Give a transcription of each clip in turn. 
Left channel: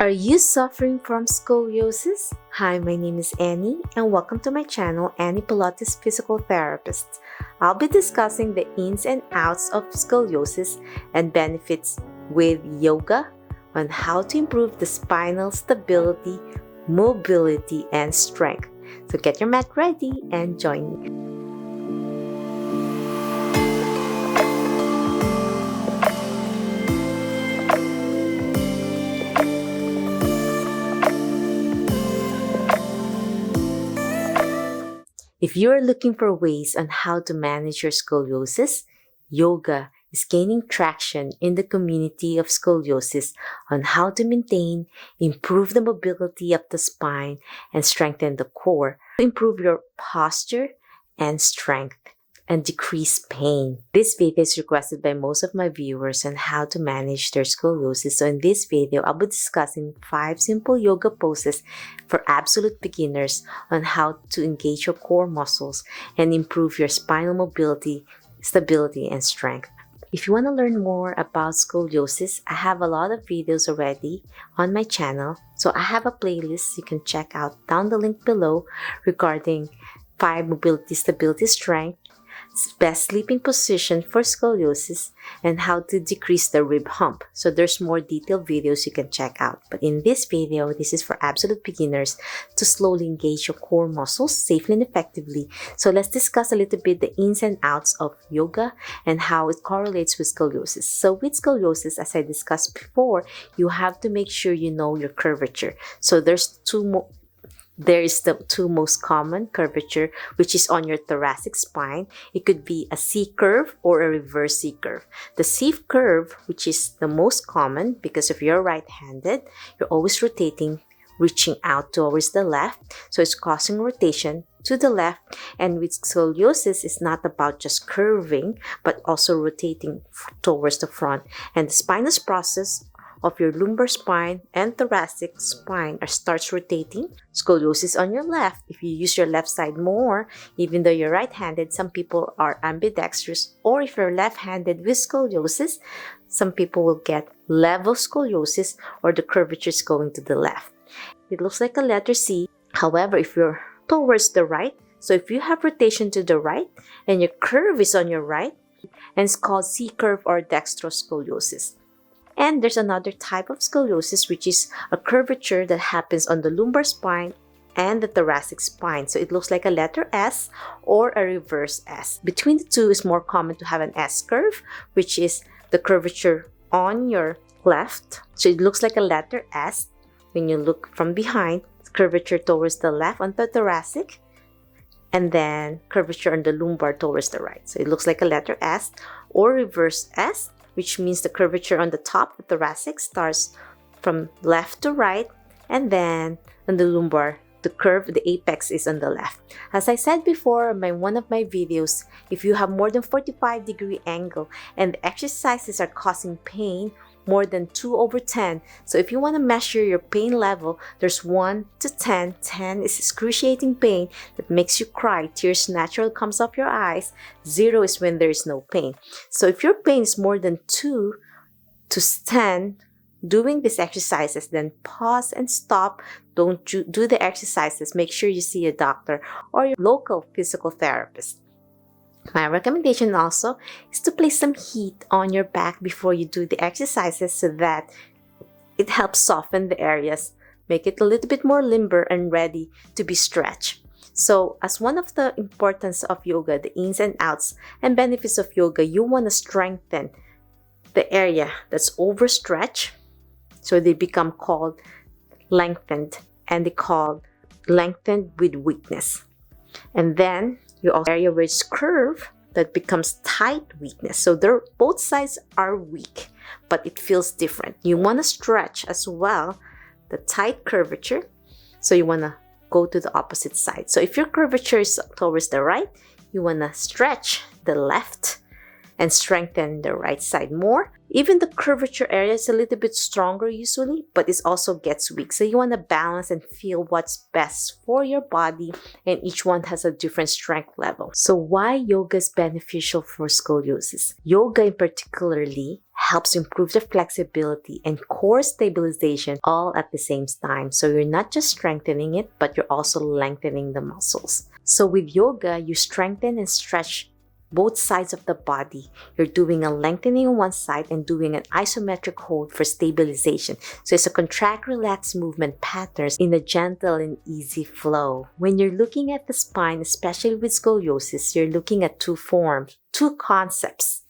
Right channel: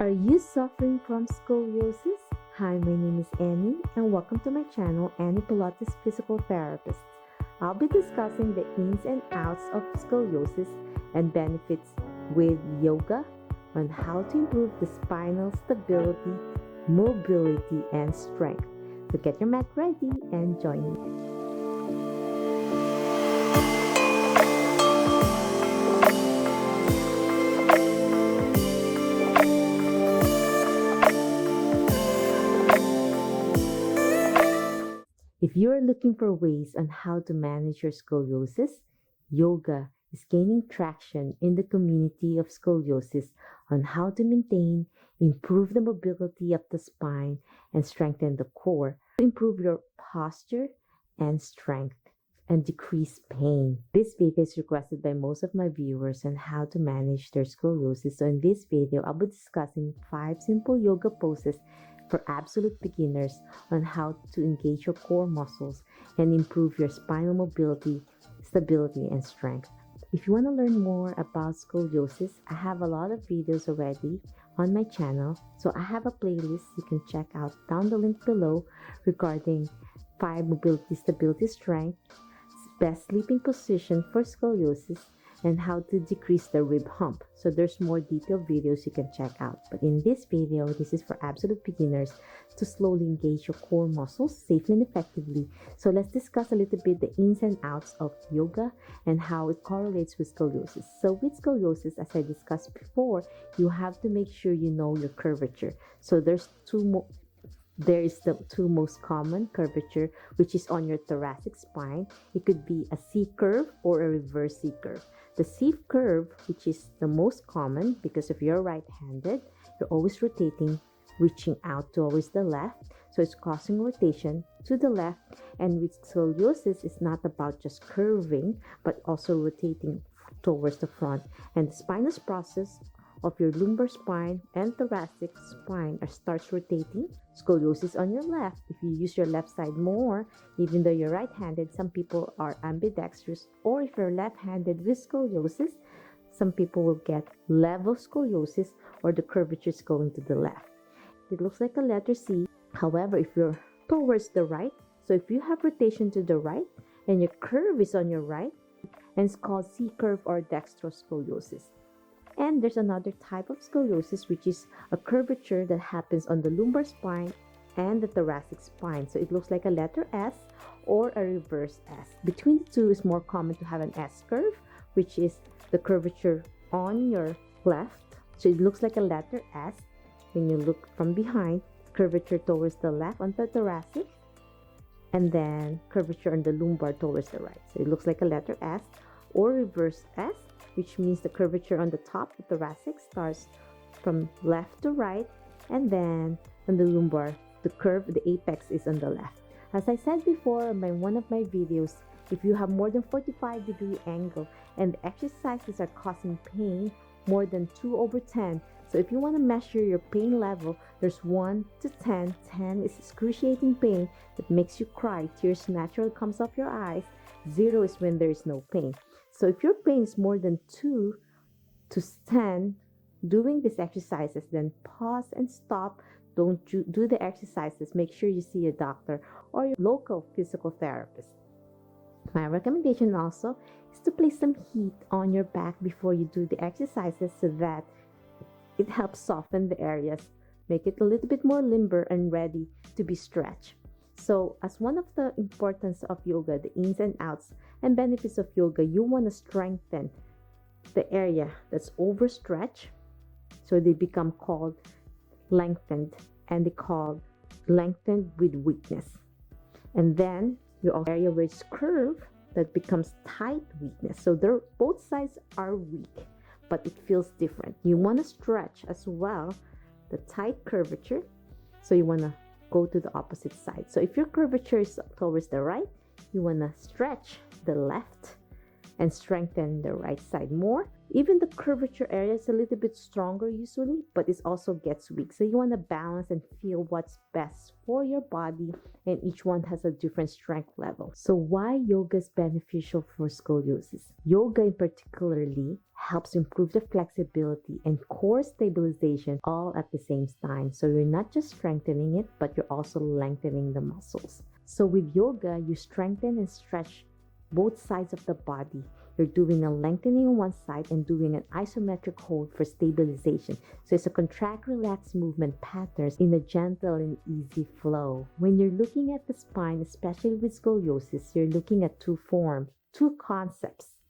Are you suffering from scoliosis? Hi, my name is Annie and welcome to my channel, Annie Pilates Physical Therapist. I'll be discussing the ins and outs of scoliosis and benefits with yoga on how to improve the spinal stability, mobility, and strength. So get your mat ready and join me. If you are looking for ways on how to manage your scoliosis, yoga is gaining traction in the community of scoliosis on how to maintain, improve the mobility of the spine, and strengthen the core to improve your posture and strength and decrease pain. This video is requested by most of my viewers on how to manage their scoliosis. So in this video, I'll be discussing 5 simple yoga poses for absolute beginners on how to engage your core muscles and improve your spinal mobility, stability, and strength. If you want to learn more about scoliosis, I have a lot of videos already on my channel. So I have a playlist you can check out down the link below regarding 5 mobility, stability, strength, best sleeping position for scoliosis, and how to decrease the rib hump. So there's more detailed videos you can check out. But in this video, this is for absolute beginners to slowly engage your core muscles safely and effectively. So let's discuss a little bit the ins and outs of yoga and how it correlates with scoliosis. So with scoliosis, as I discussed before, you have to make sure you know your curvature. So there is the 2 most common curvature, which is on your thoracic spine. It could be a C curve or a reverse C curve. The C curve, which is the most common because if you're right-handed, you're always rotating, reaching out towards the left. So it's causing rotation to the left. And with scoliosis, it's not about just curving, but also rotating towards the front. And the spinous process of your lumbar spine and thoracic spine starts rotating. Scoliosis on your left. If you use your left side more, even though you're right-handed, some people are ambidextrous, or if you're left-handed with scoliosis, some people will get level scoliosis or the curvature is going to the left. It looks like a letter C. However, if you're towards the right, so if you have rotation to the right and your curve is on your right, and it's called C curve or dextroscoliosis. And there's another type of scoliosis, which is a curvature that happens on the lumbar spine and the thoracic spine. So it looks like a letter S or a reverse S. Between the two, is more common to have an S curve, which is the curvature on your left. So it looks like a letter S when you look from behind, curvature towards the left on the thoracic, and then curvature on the lumbar towards the right. So it looks like a letter S or reverse S, which means the curvature on the top, the thoracic, starts from left to right, and then on the lumbar, the curve, the apex is on the left. As I said before in one of my videos, if you have more than 45-degree angle and the exercises are causing pain, more than 2/10. So if you want to measure your pain level, there's 1 to 10. 10 is excruciating pain that makes you cry. Tears naturally comes off your eyes. 0 is when there is no pain. So if your pain is more than 2 to 10 doing these exercises, then pause and stop. Don't do the exercises. Make sure you see a doctor or your local physical therapist. My recommendation also is to place some heat on your back before you do the exercises so that it helps soften the areas, make it a little bit more limber and ready to be stretched. So as one of the importance of yoga, the ins and outs and benefits of yoga, you want to strengthen the area that's overstretched. So they become called lengthened, and they call lengthened with weakness. And then you also area where it's curved that becomes tight weakness. So both sides are weak, but it feels different. You want to stretch as well the tight curvature. So you want to go to the opposite side. So if your curvature is towards the right, you want to stretch the left. and strengthen the right side more. Even the curvature area is a little bit stronger usually, but it also gets weak. So you want to balance and feel what's best for your body, and each one has a different strength level. So why yoga is beneficial for scoliosis? Yoga in particularly helps improve the flexibility and core stabilization all at the same time. So you're not just strengthening it, but you're also lengthening the muscles. So with yoga, you strengthen and stretch both sides of the body. You're doing a lengthening on one side and doing an isometric hold for stabilization. So it's a contract, relax movement patterns in a gentle and easy flow. When you're looking at the spine, especially with scoliosis, you're looking at two forms, two concepts.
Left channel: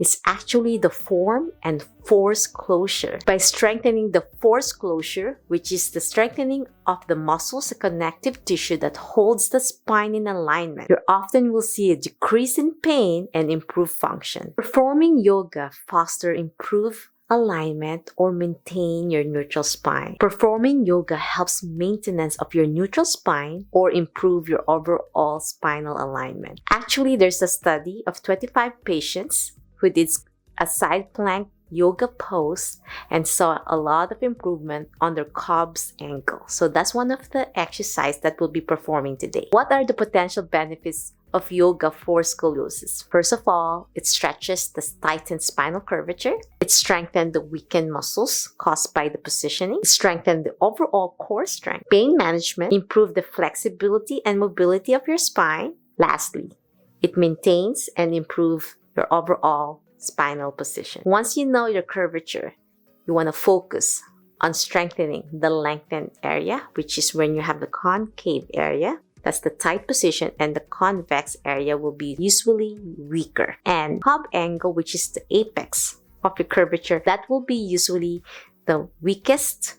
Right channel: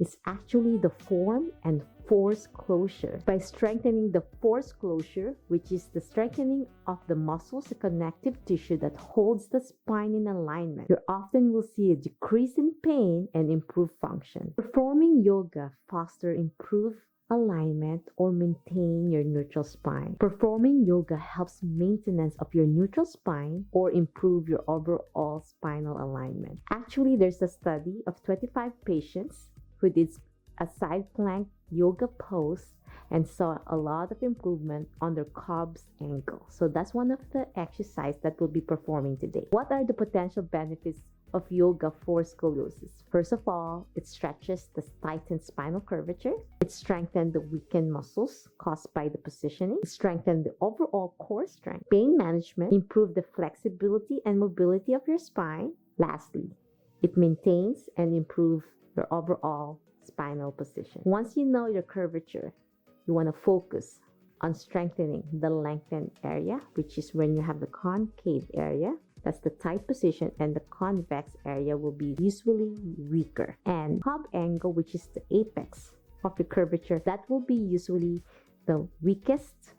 It's actually the form and force closure. By strengthening the force closure, which is the strengthening of the muscles, the connective tissue that holds the spine in alignment, you often will see a decrease in pain and improved function. Performing yoga fosters improved alignment or maintain your neutral spine. Performing yoga helps maintenance of your neutral spine or improve your overall spinal alignment. Actually, there's a study of 25 patients who did a side plank yoga pose and saw a lot of improvement on their Cobb's ankle. So that's one of the exercises that we'll be performing today. What are the potential benefits of yoga for scoliosis? First of all, it stretches the tightened spinal curvature. It strengthens the weakened muscles caused by the positioning. It strengthens the overall core strength. Pain management, improve the flexibility and mobility of your spine. Lastly, it maintains and improves your overall spinal position. Once you know your curvature, you want to focus on strengthening the lengthened area, which is when you have the concave area. That's the tight position, and the convex area will be usually weaker. And Cobb angle, which is the apex of your curvature, that will be usually the weakest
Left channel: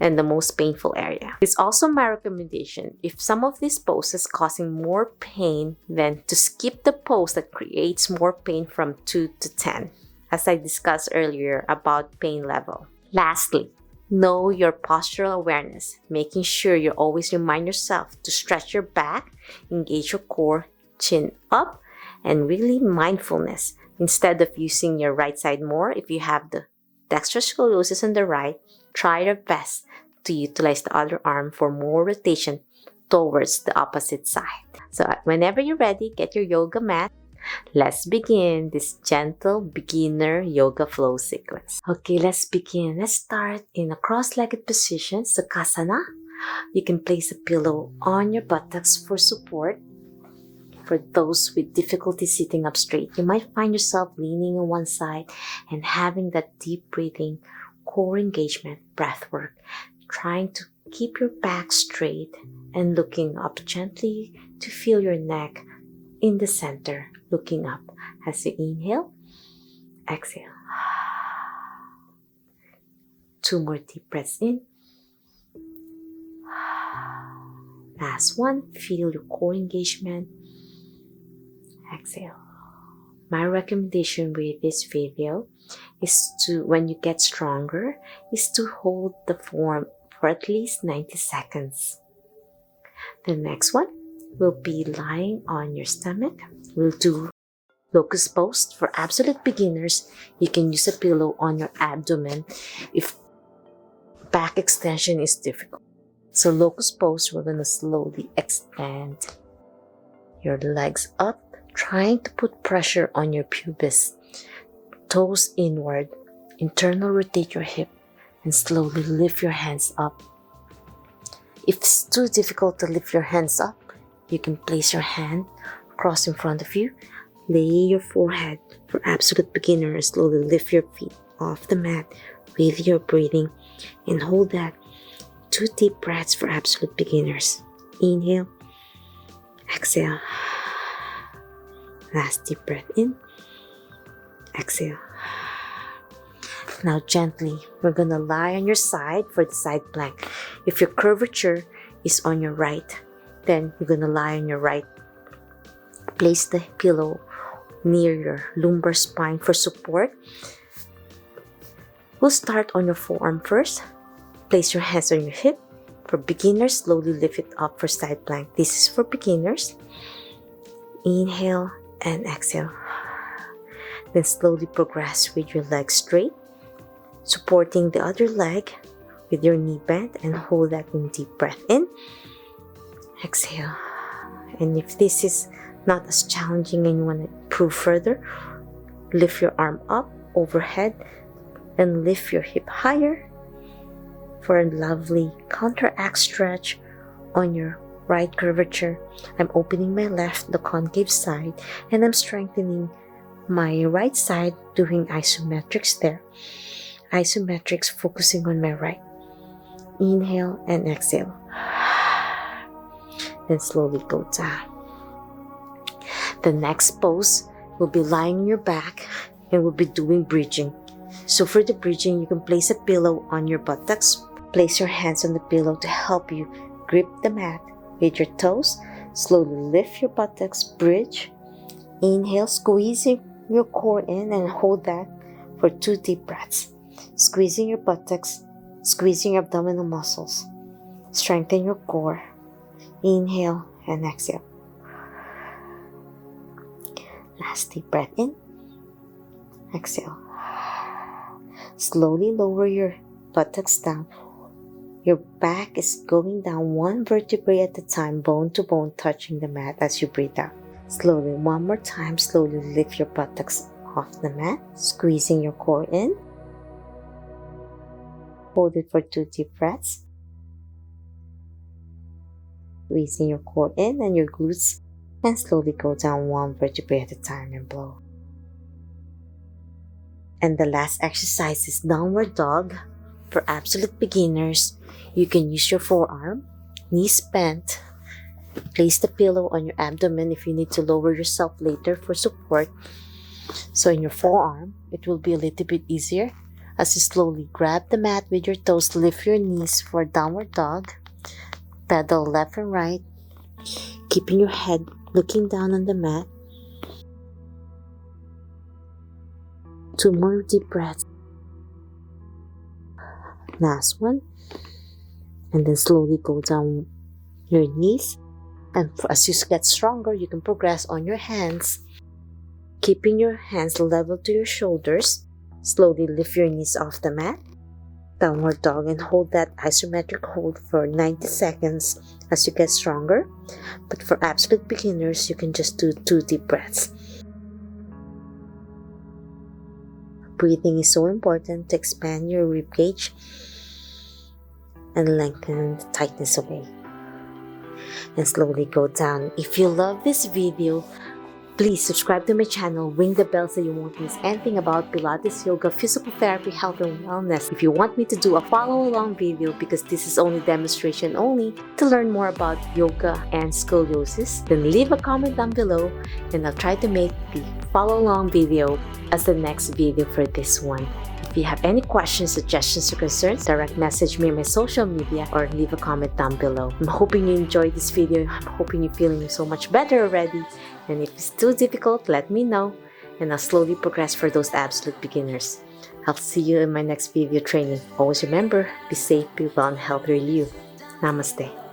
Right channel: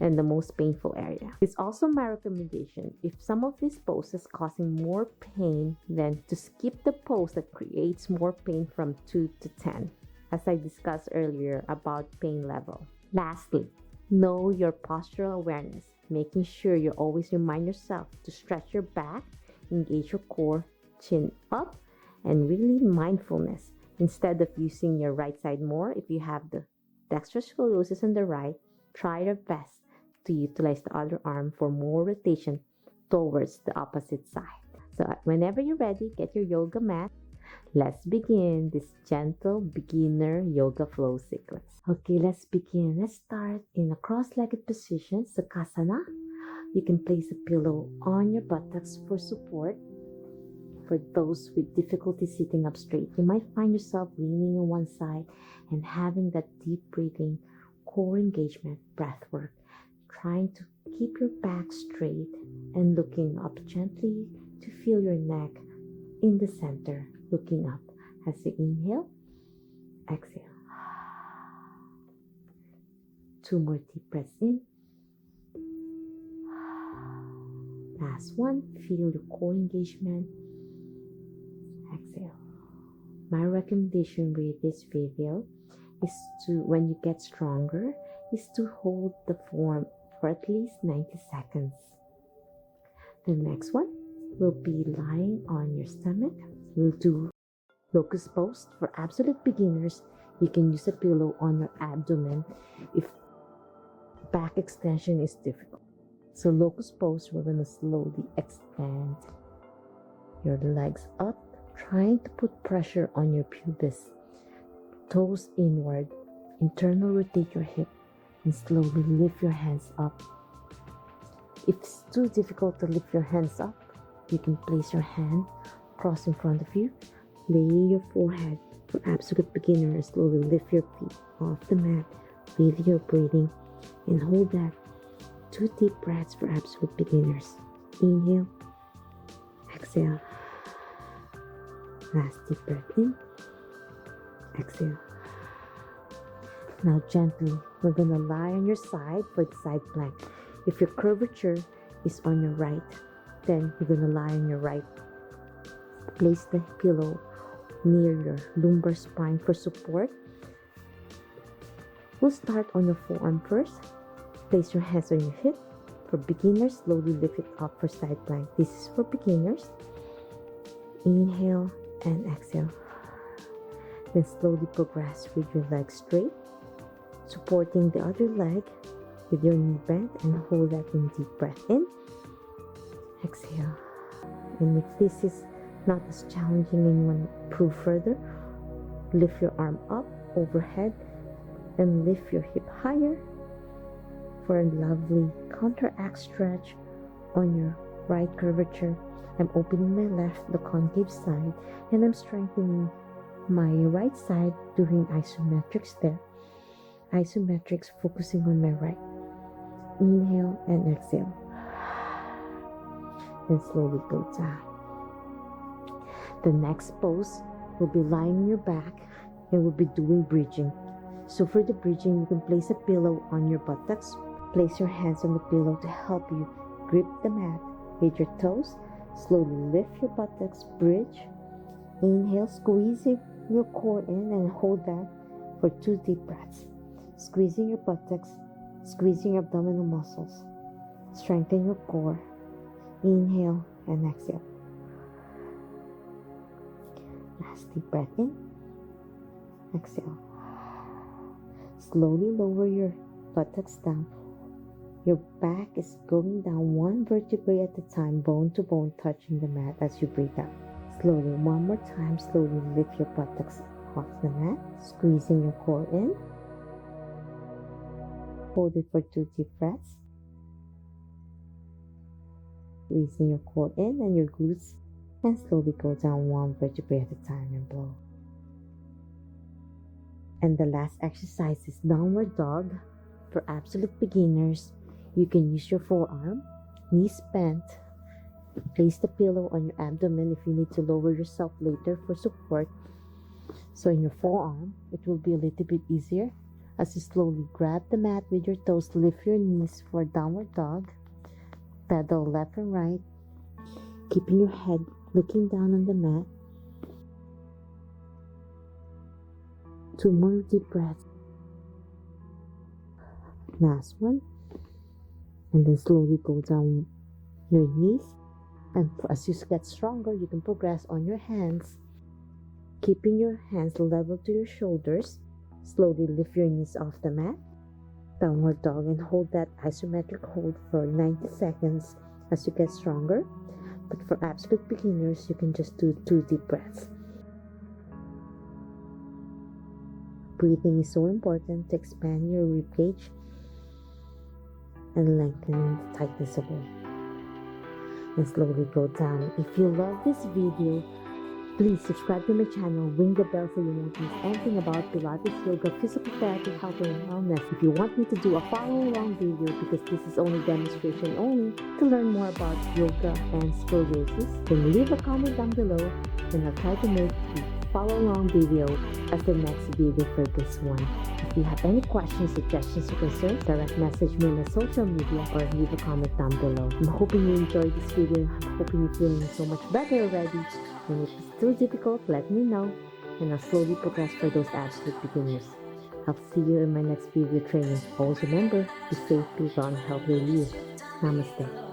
and the most painful area. It's also my recommendation, if some of these poses causing more pain, then to skip the pose that creates more pain from 2 to 10, as I discussed earlier about pain level. Lastly, know your postural awareness, making sure you always remind yourself to stretch your back, engage your core, chin up, and really mindfulness. Instead of using your right side more, if you have the dexterous scoliosis on the right, try your best to utilize the other arm for more rotation towards the opposite side. So whenever you're ready, get your yoga mat. Let's begin this gentle beginner yoga flow sequence. Okay, let's begin. Let's start in a cross-legged position, Sukhasana. You can place a pillow on your buttocks for support. For those with difficulty sitting up straight, you might find yourself leaning on one side and having that deep breathing, core engagement, breath work, trying to keep your back straight and looking up gently to feel your neck in the center, looking up as you inhale, exhale. 2 more deep breaths in. Last one, feel your core engagement. Exhale. My recommendation with this video is to, when you get stronger, is to hold the form for at least 90 seconds. The next one will be lying on your stomach. We'll do Locust Pose. For absolute beginners, you can use a pillow on your abdomen if back extension is difficult. So Locust Pose, we're going to slowly extend your legs up, trying to put pressure on your pubis, toes inward, internal rotate your hip, and slowly lift your hands up. If it's too difficult to lift your hands up, you can place your hand across in front of you, lay your forehead. For absolute beginners, slowly lift your feet off the mat with your breathing and hold that. 2 deep breaths for absolute beginners. Inhale, exhale. Last deep breath in, exhale. Now gently, we're gonna lie on your side for the side plank. If your curvature is on your right, then you're gonna lie on your right. Place the pillow near your lumbar spine for support. We'll start on your forearm first. Place your hands on your hip. For beginners, slowly lift it up for side plank. This is for beginners. Inhale and exhale. Then slowly progress with your leg straight, supporting the other leg with your knee bent, and hold that in deep breath in. Exhale. And if this is not as challenging and you want to improve further, lift your arm up overhead and lift your hip higher for a lovely counteract stretch on your right curvature. I'm opening my left, the concave side, and I'm strengthening my right side, doing isometrics there. Isometrics, focusing on my right. Inhale and exhale. Then slowly go down. The next pose will be lying on your back and we'll be doing bridging. So for the bridging, you can place a pillow on your buttocks. Place your hands on the pillow to help you grip the mat with your toes. Slowly lift your buttocks, bridge. Inhale, squeezing your core in and hold that for 2 deep breaths. Squeezing your buttocks, squeezing your abdominal muscles. Strengthen your core. Inhale and exhale. Last deep breath in. Exhale. Slowly lower your buttocks down. Your back is going down 1 vertebrae at a time, bone to bone, touching the mat as you breathe out. Slowly, one more time, slowly lift your buttocks off the mat, squeezing your core in. Hold it for 2 deep breaths. Squeezing your core in and your glutes, and slowly go down 1 vertebrae at a time and blow. And the last exercise is downward dog. For absolute beginners, you can use your forearm, knees bent. Place the pillow on your abdomen if you need to lower yourself later for support. So in your forearm, it will be a little bit easier as you slowly grab the mat with your toes, lift your knees for downward dog. Pedal left and right, keeping your head looking down on the mat. 2 more deep breaths. Last one. And then slowly go down your knees. And as you get stronger, you can progress on your hands. Keeping your hands level to your shoulders. Slowly lift your knees off the mat. Downward dog, and hold that isometric hold for 90 seconds as you get stronger. But for absolute beginners, you can just do 2 deep breaths. Breathing is so important to expand your rib cage and lengthen the tightness away. And slowly go down. If you love this video, please subscribe to my channel, ring the bell so you won't miss anything about Pilates, yoga, physical therapy, health, and wellness. If you want me to do a follow-along video, because this is only demonstration only, to learn more about yoga and scoliosis, then leave a comment down below and I'll try to make the follow-along video as the next video for this one. If you have any questions, suggestions, or concerns, direct message me on my social media or leave a comment down below. I'm hoping you enjoyed this video. I'm hoping you're feeling so much better already. And if it's too difficult, let me know and I'll slowly progress for those absolute beginners. I'll see you in my next video training. Always remember, be safe, be well, and healthy you. Namaste.